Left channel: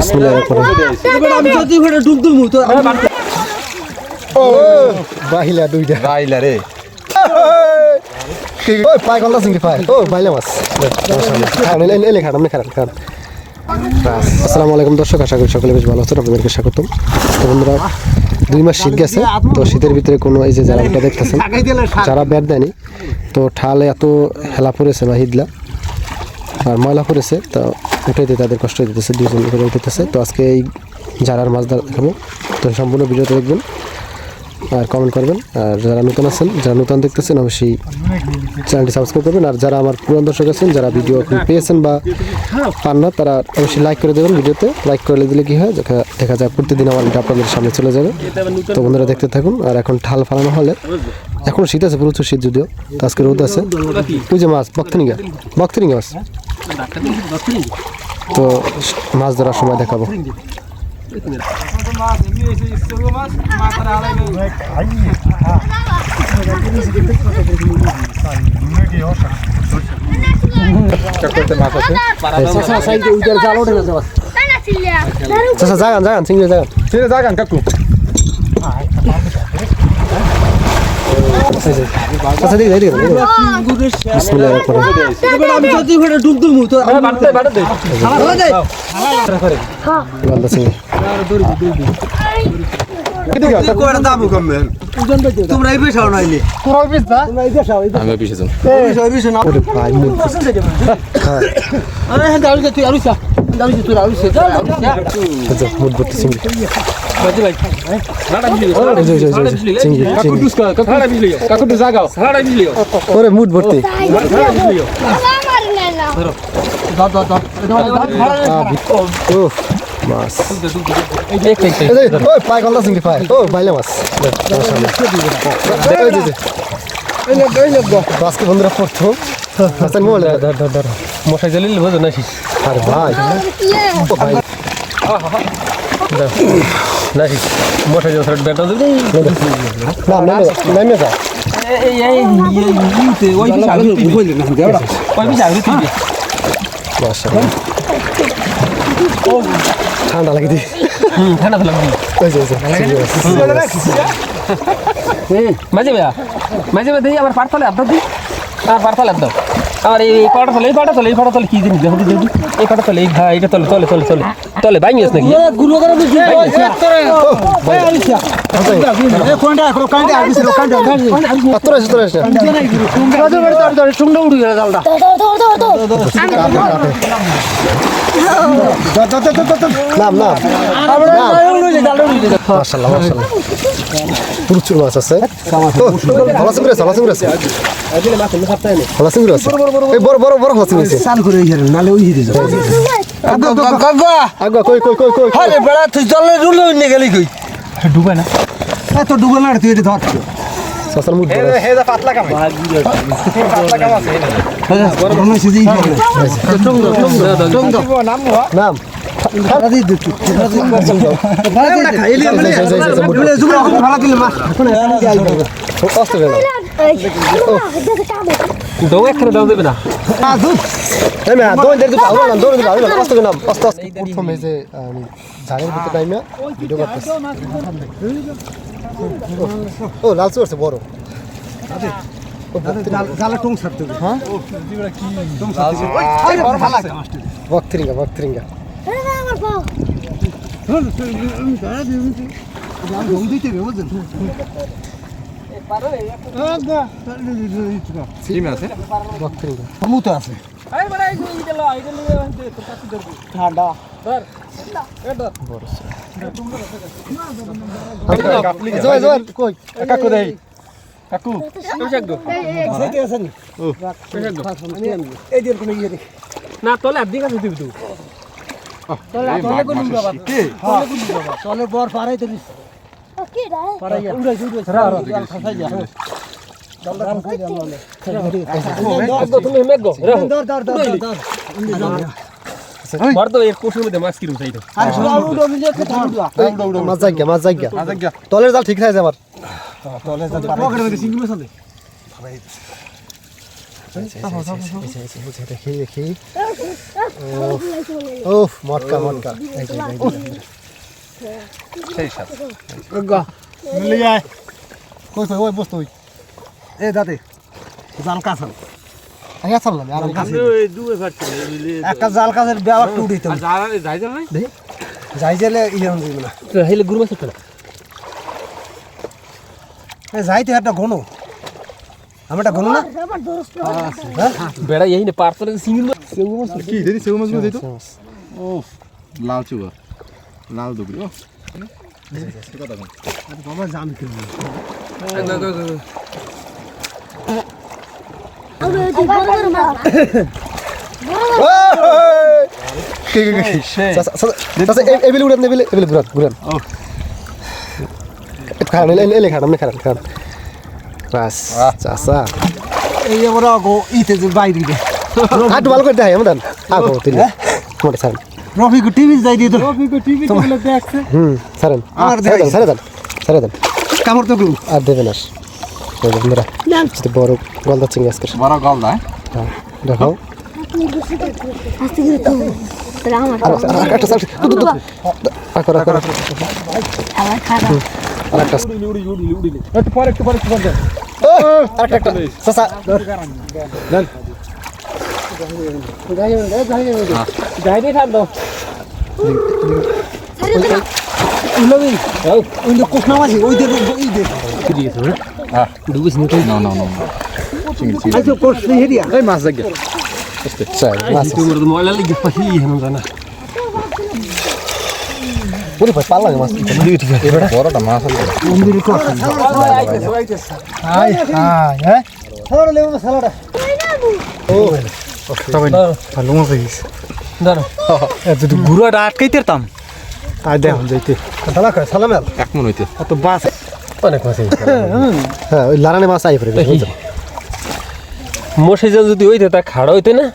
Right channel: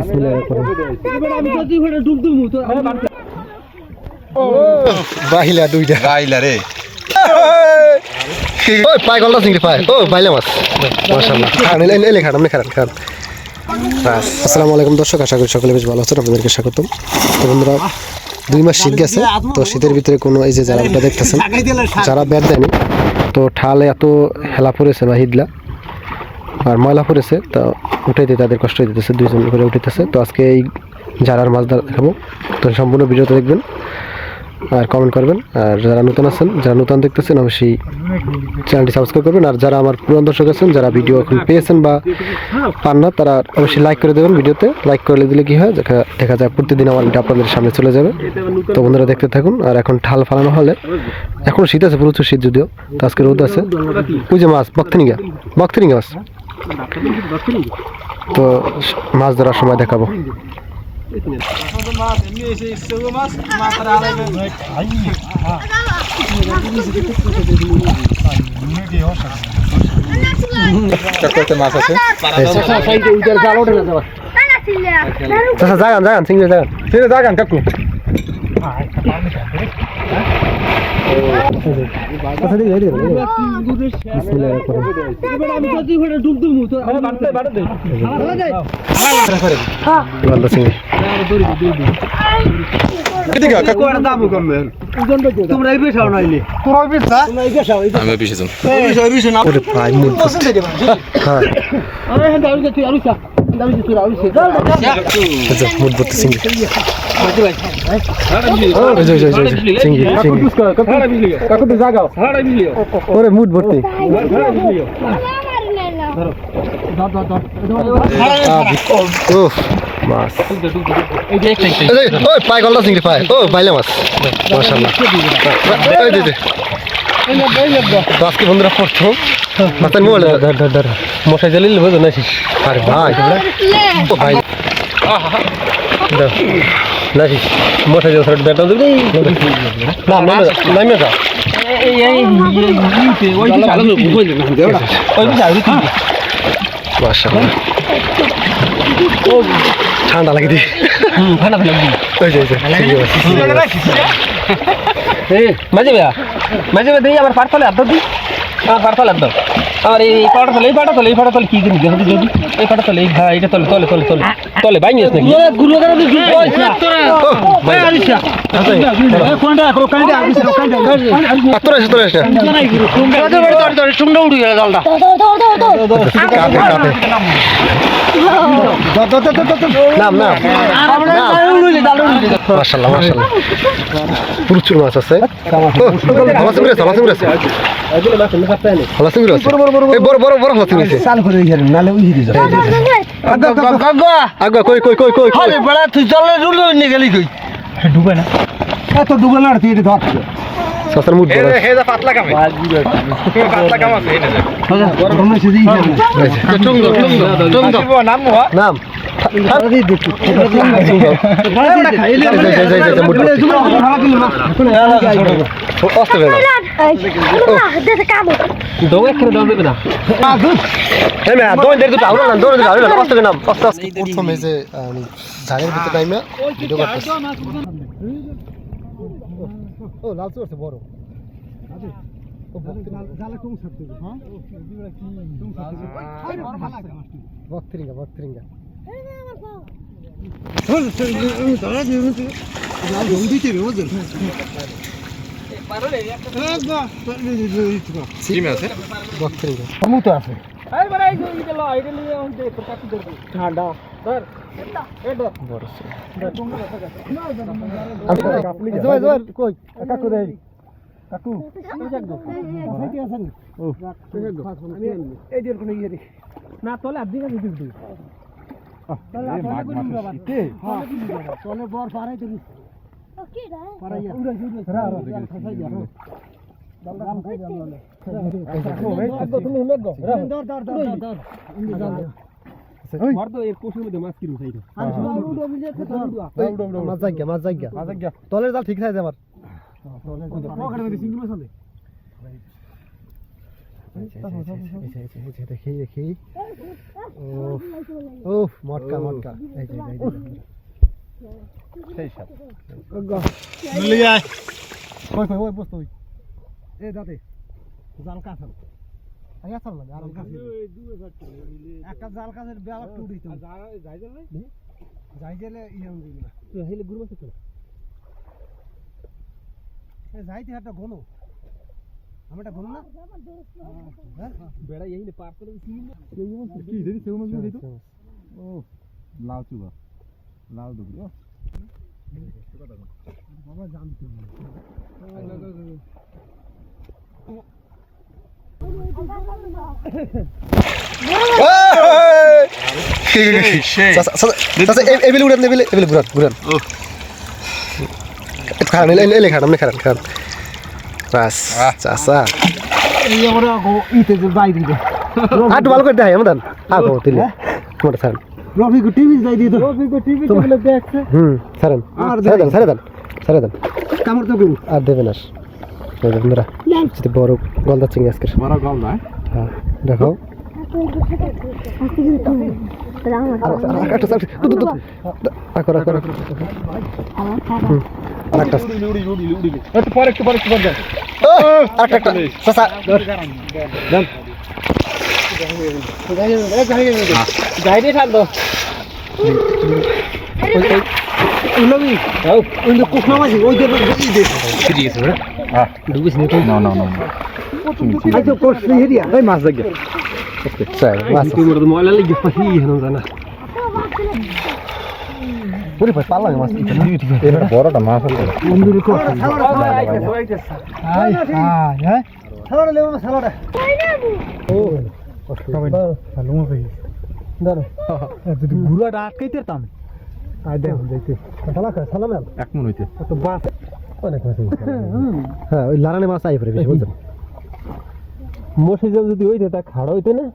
বিসমিল্লাহ করে আমি যদি ওখানে ডুব দুমু তো ও বাহিলা দুইটা। গাইলা রে। ওই পাই গলদা চিংড়ি পাই ও বাইলা মাছ। মাশাআল্লাহ। খান এলে এলে খান আপনি খান খান। আসসালামু আলাইকুম দর্শক আশা করি সকলে বেশ ভালো আছেন। আপনাদেরকে স্বাগতম। তো বন্ধুরা দুই মাস শীত গেছে তো শীতের ভিতরে কোনো এই যে যারা দেখতেছেন যারা ব্যাট দেয়নি তো ঠালে এত হেলা পড়েছে বা হিদলা। আর ময়লা পড়েছে, তো উঠাইতে তাদের কষ্ট দিতেছে দুজন করে উঠাইতেছে তো আজকে এই যারার মাছ ধরা দেখাবো। তো সম্পূর্ণ ভিডিওতে দেখবেন আর কমেন্ট করবেন। আর যারা নতুন আছেন, যারা নতুন দেখতেছেন, অবশ্যই চ্যানেলটি সাবস্ক্রাইব করবেন। আর যারা আমার পুরান দর্শক আছেন, যারা ভিডিও এখন পেয়েছেন বা পান না, তারা অবশ্যই লাইক করে দেবেন ভিডিওতে। লাইক করে দিলে কী হয়? দেখা দেখা যায় প্রতিদিন আমার এটা আপনাদের সামনে চলে যাবে। তো বন্ধুরা দেখতে থাকুন। আর এখন ঠাল ফালানো হলে এখন শীত আছে, প্রচুর শীত যদিও। তো আজকে রোদ আছে। ওই যে মাছ বক্তনিগা বক্তনিগা মাছ। তো মাছ ধরার সময় দেখাবো মাছ আছে সাইডে উইটার জাল ওঠে না যাওয়া আচ্ছা যাগান যাগান সিঙ্গে যাগান কাকু আচ্ছা দেখি দেখি বিসমিল্লাহ করে আমি যদি ওখানে ডুব দুমু তো আমি পিছেছেন পেশাও এই পেশাও না ওরে ভাই মুড হ্যাঁ আরে হ্যাঁ দাঁড়িয়ে যা তুই আরুস দাঁড়িয়ে যা তুই আরুস চল আচ্ছা মুড ভর্তি। ধর। মাছ। এই যে, ওই পাই গলদা চিংড়ি পাই ও বাইলে মাছ। তো আজকে বন্ধুরা প্রথম মাছের মোবাইল মশাই জ্বালিলে বোঝো না আরে ভাই। ও ভাই। নাকি? মশাই নামে ঠান্ডা লাগে দি ঠান্ডা ফেলা ওই যে। মাঝে মাঝে ভাই আমার পাট ফলে আব্বা দি। আমার পাট ফলে দাও আমার এই পাটা তলে এই পাটা তলে এই পাটা তলে কি জিনিস দেখো যদি এই পাটা তলে এই হ্যাঁ এটা তলে তলে তলে তলে তলে বাইং আছে নাকি গুলো করে দিছি ভাই কোনটা কোনটা কোনটা আর এসে। সুন্দর উড়ি গেল নাম নাম প্রচুর মাছ আছে চিংড়ি আছে এই বড় বড় বড় হলা চিংড়ি আছে চাল করে হইছে নালে উড়ি দিছে আগা কই কই কই কই কই আরে বড়া তুই জলে রুলে নিয়ে গেলি কই ডুবে না এত ডুবে তুই এটা ধর সাসার মুড বড় পাতলা কাম পাতলা কাম আছে নাম, অস্ত। প্রথম যে ঝাড়ের ভিতরে নাইমা ভিডিও করতেছি ও লাল চুর বড় জালে টং ছাড়তে হ্যাঁ বক্তরিঙ্গা বক্তরিঙ্গা কাকু কাকু না তলে আর্ধেক আছে তুই তুই তলে বর পারাই দিলিস বর তলের জাল ঠিক থাকে আমার দেখি দেখি ও মটকা মটকা সেই তুই এ দাদে জাল কাছাল একটা জাল কাছের ব্যবহার টুটি তো যাই জেলে ইয়ে যাইতে একটা ঘন আমি একটা ঘন না বেড়া এই নে পার করে সিঙ্গিল মাছ কি দিদি সেউ মাছ দিই তো ও লাল চুবা লাল দুগরি ও বাবা জাম চাচা এবিলে উড়ান এবিলে এবিলে ঘুরান ঘুরান। খান এলে এলে খান আপনি খান খান বাস আহ। এই ওরা ইতে যে বাইরে দে ভালো করে দেখাই আমাদের। আগো তিনি মোটা ছাড়েন। রফি কো টিভি যাই দিয়ে তো রফি কো টিভি তো দেখছে। হুম ছাড়েন। আমার ছেড়ে দেন দেখাইছে। ছেড়ে দেন ছেড়ে দেন কামড় তো করু আর দেবেন আর। এই দেখুন মেরা যদি বড় গলদা চিংড়ি আজকের। বড় গল না হ্যাঁ দেখাও। আস্তে করে তো তাহলে মাছি দেখে ময়লা লেগে জানা পুরি ভাই পাল্লা মাছ এবারে বড়টা মাছ আছে মন্দির করছে হাই হাই হ্যাঁ লেবু সালাডা ভালো মজা দাঁড়া যদি ঘুরাটা আটকাইতে পারতাম আর দেখুন যাইতে। সালা খায় সালাম এক মন হইতে। অত বাস অনেক মাছ হ্যাঁ ওই লারানে মাছ আই গেছে মশে জাল যদি হইতে তা খাড়া হইতে না?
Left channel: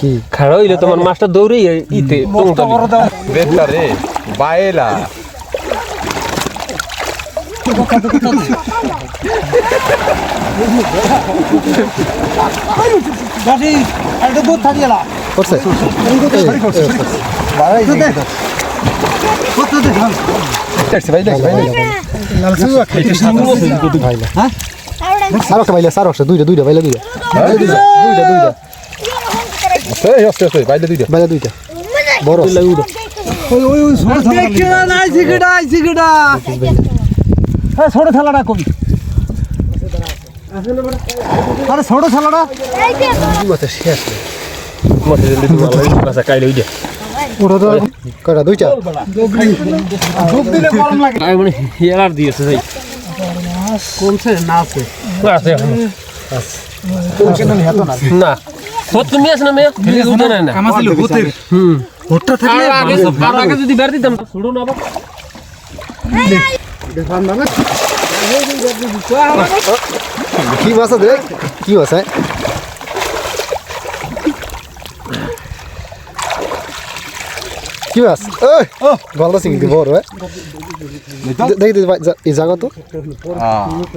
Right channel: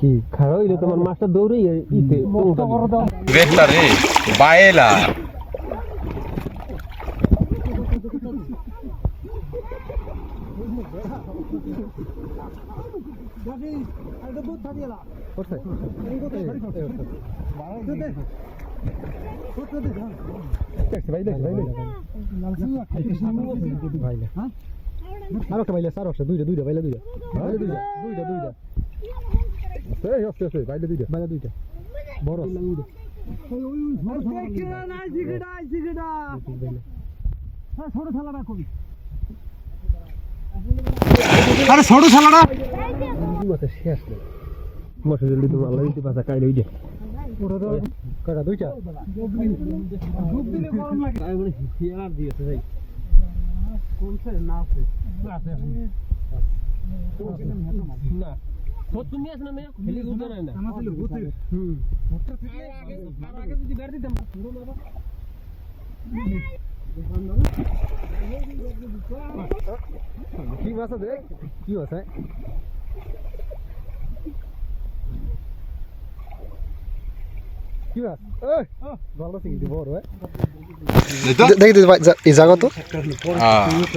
কি? খাড়া হইলে তোমার মাছটা দৌড়ে ইতে টংটা রে বায়েলা। গাছি একটা ভাইলা আর একটা দুইটা দুইটা ভাইলা দুইটা দুইটা দুইটা দুইটা এই আস্তে আস্তে বাইলে দুইটা ভাইলা দুইটা বড় ওই ওই ওই ছোট থালা নাই সিগড়া সিগড়া হ্যাঁ ছোট কই আরে ছোট থালাটা মাছ শেষ মশে জাল দিতে ভালো মাছ কাইলে হইছে ওটা তো কয়টা দুইটা ডুব দিলে গরম লাগে তাই মানে হেলার দিয়েছে ভাই কমছে না আছে আছে এখন। না না তুমি আছে না মেয়ে উঠে না না কামাছিল ভূতের হুম ভূতটা থাকলে আগে আর আগে যদি বের দিতাম ছুড়ো না আবার কি মাছ আছে কি মাছ হ্যাঁ? কি মাছ? গলদা চিংড়ি বড় হ্যাঁ? দে- দেখি দেখি ভাই, যা- এই জায়গা তো।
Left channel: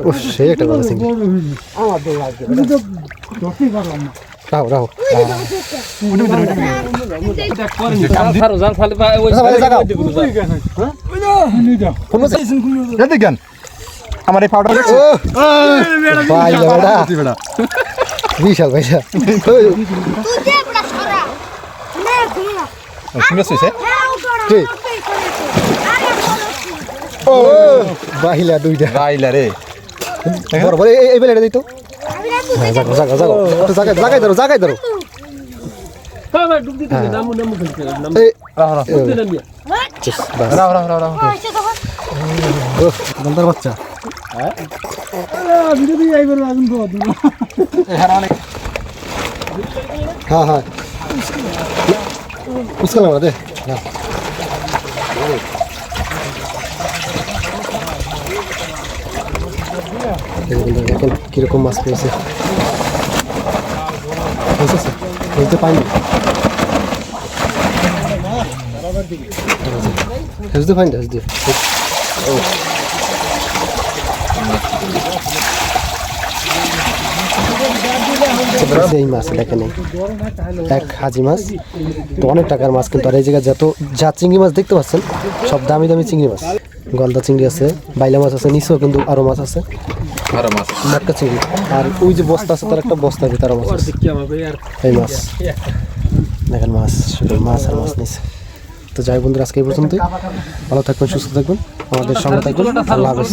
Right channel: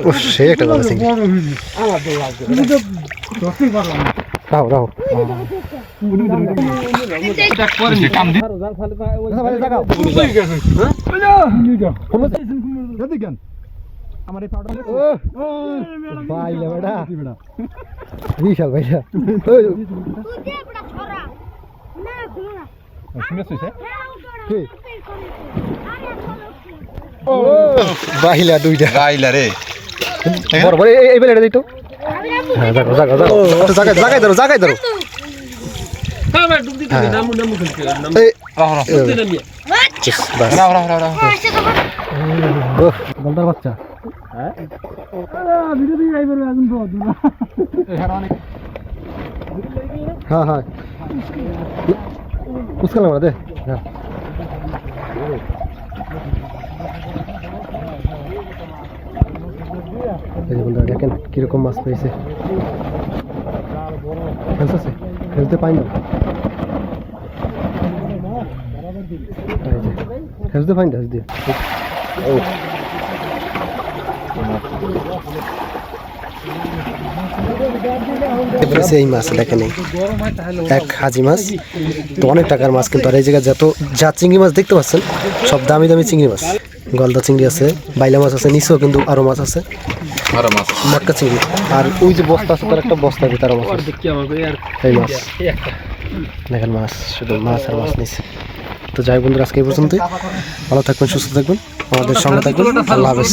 ও সেই একটা গলদা চিংড়ি রাহো রাহো। জাল ফালে আমার এই পাউডার ও ভাই বেটা। বিশাল ঘুরা শুনে শুইছে কি? ও। বাহিলা দুইটা। গাইলা রে। বড় বড় এই- বেলাটা দিত হ্যাঁ জাগাও জাগাও একটু জাগাই জাগাই ধরো জাগাই ধরো ডুব দিতে নামু নামু খেলতে তো বাচ্চা। হ্যাঁ? হ্যাঁ মুসকাল আমরা দে। হ্যাঁ এই বন্ধুরা দেখেন কীরকম মাছ পেয়েছে। বুঝতে পাইনি। বুঝতে পাইনি বুঝতে ও এই মাছ দেখেন এক হাজি মাছ তো অনেক টাকার মাছ কিন্তু আর এই জায়গায় যত যা চিংড়ি মাছ দেখতে পাচ্ছেন সব দামি দামি চিংড়ি মাছ। গলদা চিংড়ি আছে বাইলা মাছ আছে নিচেও কিন্তু আরও মাছ আছে। আরও মাছ মটকা চিংড়ি। আর ওই যে বস্তা আছে তার একটা বস্তার ভিতরে মাছ আছে। এই মাছ। দেখেন মাছ শুধু মাছ আর মাছ নিচে। তো যাই বন্ধুরা, আজকে এই পর্যন্তই। ভালো থাকবেন, সুস্থ থাকবেন। আমাদের সঙ্গে থাকবেন। আল্লাহ হাফেজ।